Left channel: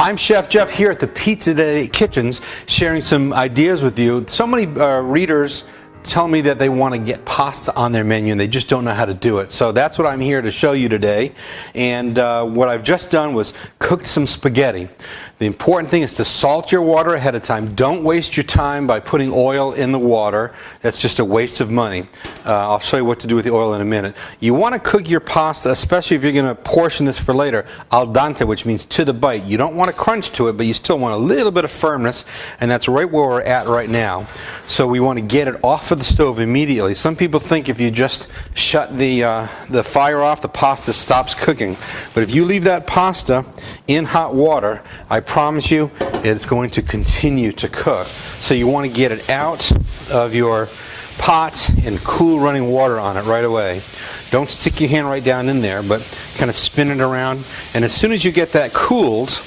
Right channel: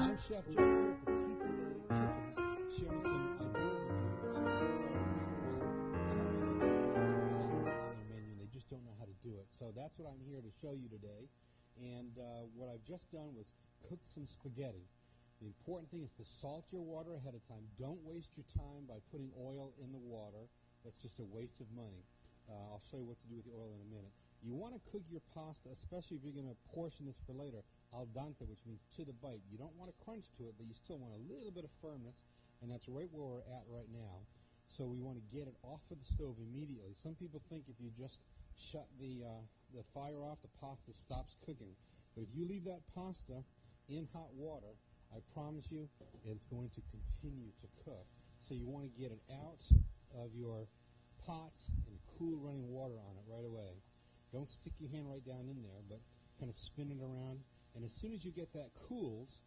I'm Chef Jeff here at the Pizza Day Kitchens, sharing some ideas with you. So many readers tell me that they want to get pasta on their menu and they just don't know how to do it. So that's what I'm here to show you today. And what I've just done was cooked some spaghetti. The important thing is to salt your water ahead of time. Don't waste your time by putting oil in the water. That's just a waste of money. I'll show you what to do with the oil in a minute. You want to cook your pasta, especially if you're going to portion this for later, al dente, which means to the bite. You don't want to crunch to it, but you still want a little bit of firmness, and that's right where we're at right now. So we want to get it off of the stove immediately. Some people think if you just shut the fire off, the pasta stops cooking. But if you leave that pasta in hot water, I promise you it's going to continue to cook. So you want to get it out of your pot and cool running water on it right away. Don't stick your hand right down in there, but kind of spin it around. And as soon as you get that cooled,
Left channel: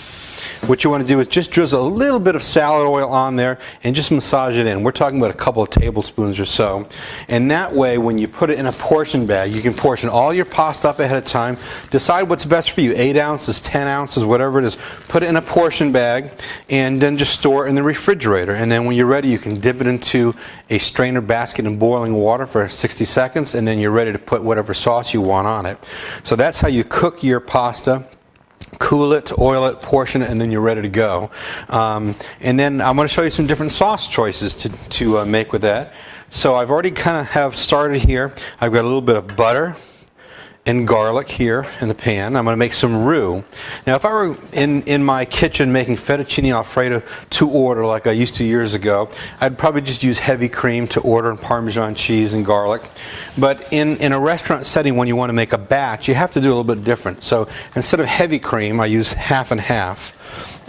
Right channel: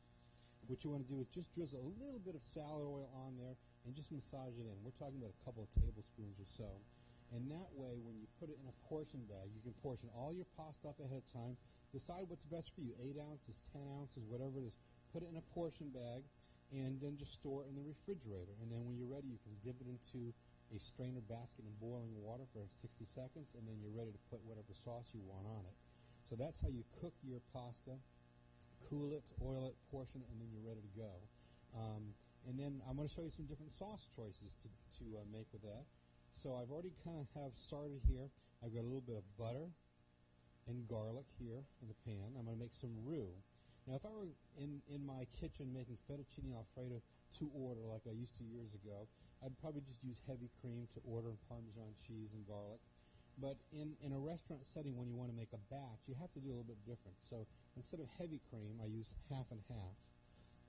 what you want to do is just drizzle a little bit of salad oil on there and just massage it in. We're talking about a couple of tablespoons or so. And that way, when you put it in a portion bag, you can portion all your pasta up ahead of time. Decide what's best for you, 8 ounces, 10 ounces, whatever it is. Put it in a portion bag and then just store it in the refrigerator. And then when you're ready, you can dip it into a strainer basket in boiling water for 60 seconds, and then you're ready to put whatever sauce you want on it. So that's how you cook your pasta. Cool it, oil it, portion it, and then you're ready to go. And then I'm going to show you some different sauce choices to make with that. So I've already kind of have started here. I've got a little bit of butter and garlic here in the pan. I'm going to make some roux. Now, if I were in my kitchen making fettuccine alfredo to order like I used to years ago, I'd probably just use heavy cream to order and Parmesan cheese and garlic. But in a restaurant setting, when you want to make a batch, you have to do a little bit different. So instead of heavy cream, I use half and half.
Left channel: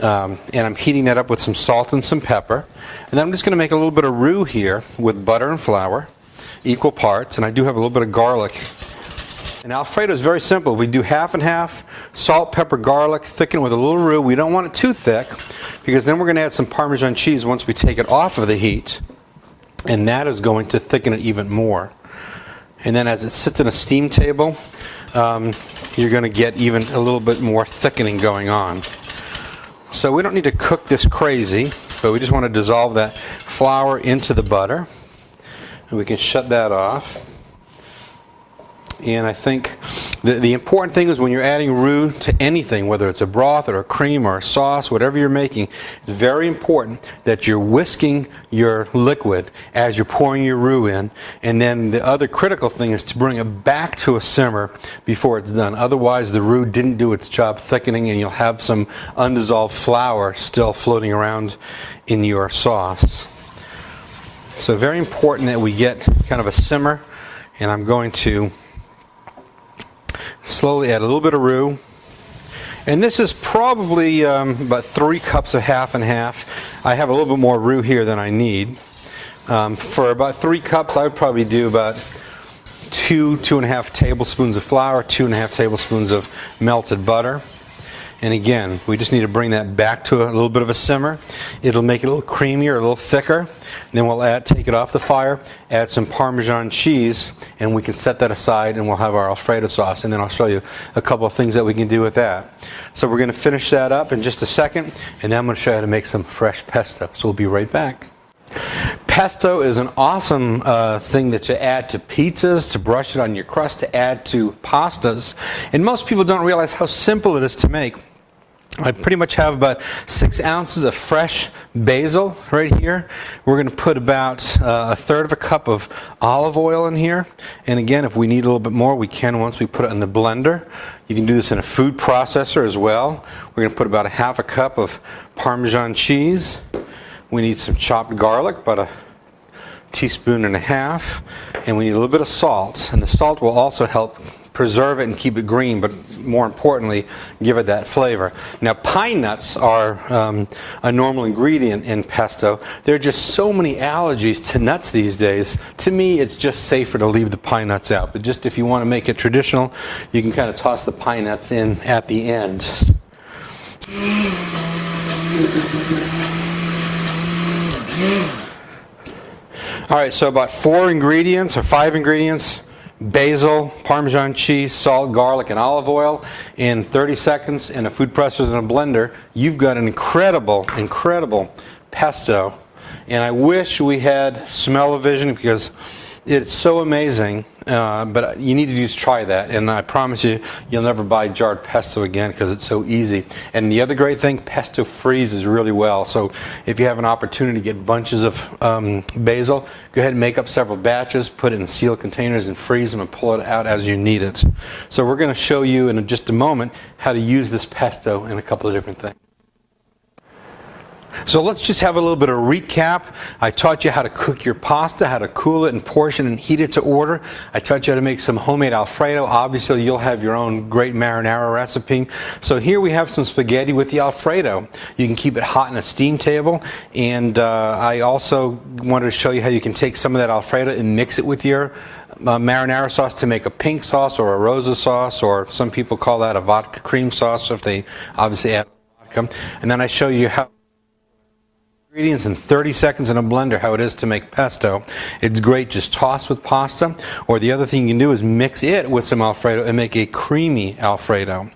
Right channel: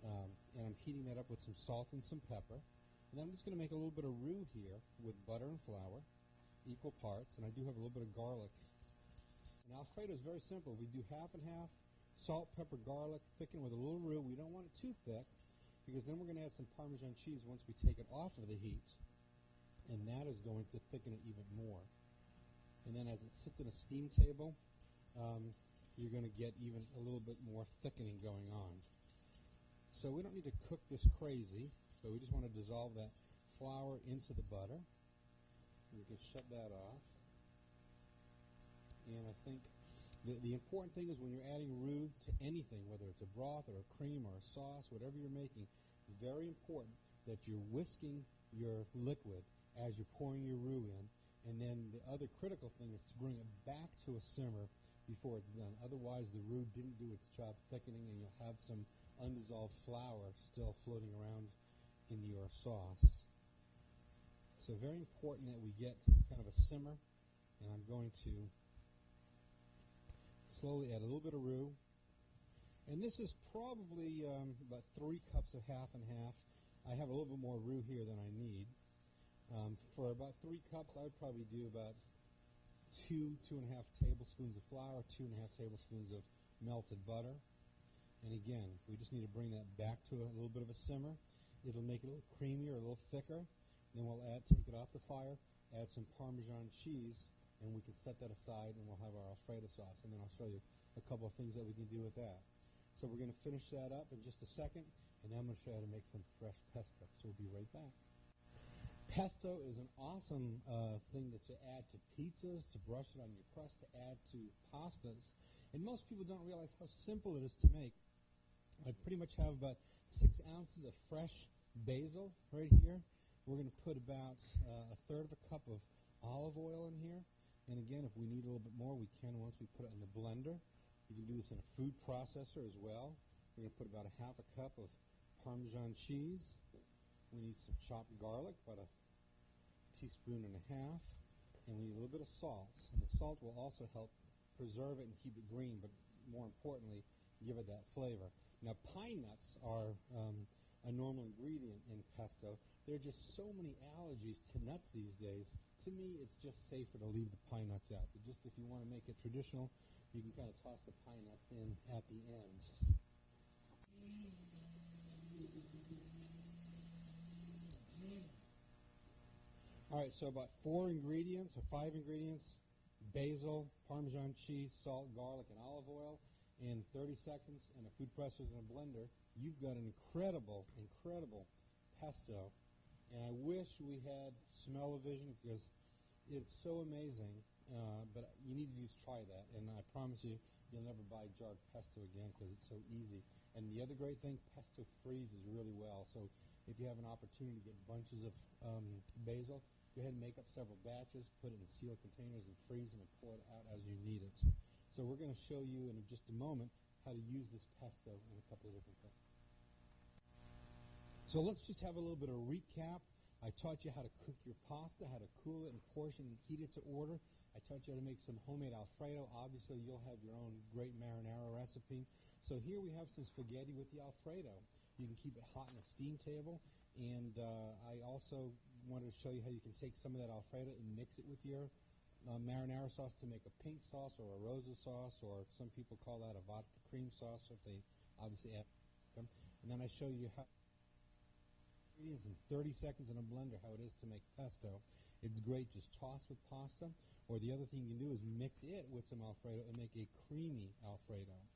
And I'm heating that up with some salt and some pepper. And then I'm just going to make a little bit of roux here with butter and flour, equal parts. And I do have a little bit of garlic. And Alfredo is very simple. We do half and half, salt, pepper, garlic, thicken with a little roux. We don't want it too thick because then we're going to add some Parmesan cheese once we take it off of the heat. And that is going to thicken it even more. And then as it sits in a steam table, you're going to get even a little bit more thickening going on. So we don't need to cook this crazy, but we just want to dissolve that flour into the butter. And we can shut that off. And I think the important thing is when you're adding roux to anything, whether it's a broth or a cream or a sauce, whatever you're making, it's very important that you're whisking your liquid as you're pouring your roux in. And then the other critical thing is to bring it back to a simmer before it's done. Otherwise, the roux didn't do its job thickening and you'll have some undissolved flour still floating around in your sauce. So very important that we get kind of a simmer, and I'm going to slowly add a little bit of roux. And this is probably about 3 cups of half and half. I have a little bit more roux here than I need. For about 3 cups, I would probably do about 2.5 tablespoons of flour, 2.5 tablespoons of melted butter. And again, we just need to bring that back to a little bit of a simmer. It'll make it a little creamier, a little thicker. Then we'll take it off the fire, add some Parmesan cheese, and we can set that aside and we'll have our Alfredo sauce. And then I'll show you a couple of things that we can do with that. So we're going to finish that up in just a second, and then I'm going to show you how to make some fresh pesto. So we'll be right back. Pesto is an awesome thing that you add to pizzas, to brush it on your crust, to add to pastas. And most people don't realize how simple it is to make. I pretty much have about 6 ounces of fresh basil right here. We're going to put about 1/3 of a cup of olive oil in here. And again, if we need a little bit more, we can once we put it in the blender. You can do this in a food processor as well. We're going to put about 1/2 cup of Parmesan cheese. We need some chopped garlic, about 1.5 teaspoons. And we need a little bit of salt. And the salt will also help preserve it and keep it green, but more importantly, give it that flavor. Now, pine nuts are a normal ingredient in pesto. There are just so many allergies to nuts these days. To me, it's just safer to leave the pine nuts out. But just if you want to make it traditional, you can kind of toss the pine nuts in at the end. All right, so about 4 ingredients or 5 ingredients. basil, Parmesan cheese, salt, garlic, and olive oil in 30 seconds in a food processor and a blender. You've got an incredible, incredible pesto. And I wish we had smell-o-vision because it's so amazing. But you need to just try that, and I promise you, you'll never buy jarred pesto again because it's so easy. And the other great thing, pesto freezes really well. So if you have an opportunity to get bunches of basil, go ahead and make up several batches, put it in sealed containers and freeze them and pull it out as you need it. So we're going to show you in just a moment how to use this pesto in a couple of different things. So let's just have a little bit of recap. I taught you how to cook your pasta, how to cool it and portion and heat it to order. I taught you how to make some homemade Alfredo. Obviously, you'll have your own great marinara recipe. So here we have some spaghetti with the Alfredo. You can keep it hot in a steam table. And I also wanted to show you how you can take some of that Alfredo and mix it with your marinara sauce to make a pink sauce or a rosa sauce, or some people call that a vodka cream sauce if they obviously add vodka. And then I show you how ingredients in 30 seconds in a blender, how it is to make pesto. It's great, just toss with pasta, or the other thing you can do is mix it with some Alfredo and make a creamy Alfredo.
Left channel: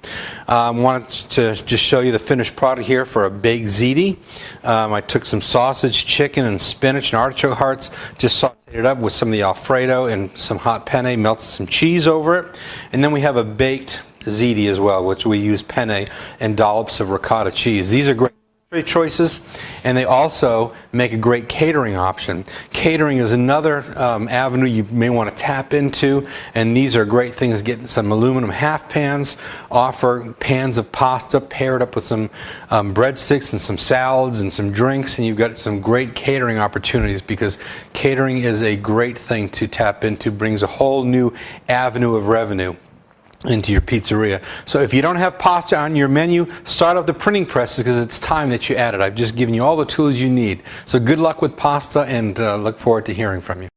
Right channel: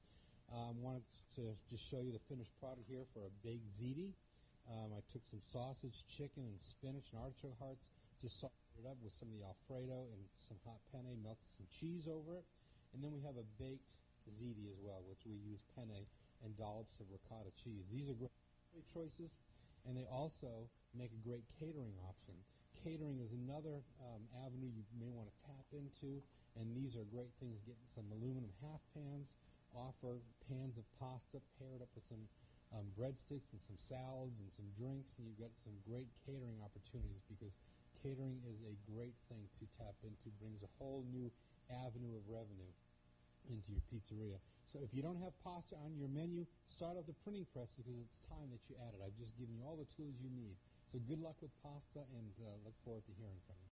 I wanted to just show you the finished product here for a baked ziti. I took some sausage, chicken, and spinach and artichoke hearts, just sauteed it up with some of the Alfredo and some hot penne, melted some cheese over it. And then we have a baked ziti as well, which we use penne and dollops of ricotta cheese. These are great choices, and they also make a great catering option. Catering is another avenue you may want to tap into, and these are great things. Getting some aluminum half pans, offer pans of pasta paired up with some breadsticks and some salads and some drinks, and you've got some great catering opportunities, because catering is a great thing to tap into, brings a whole new avenue of revenue into your pizzeria. So if you don't have pasta on your menu, start up the printing presses, because it's time that you add it. I've just given you all the tools you need. So good luck with pasta, and look forward to hearing from you.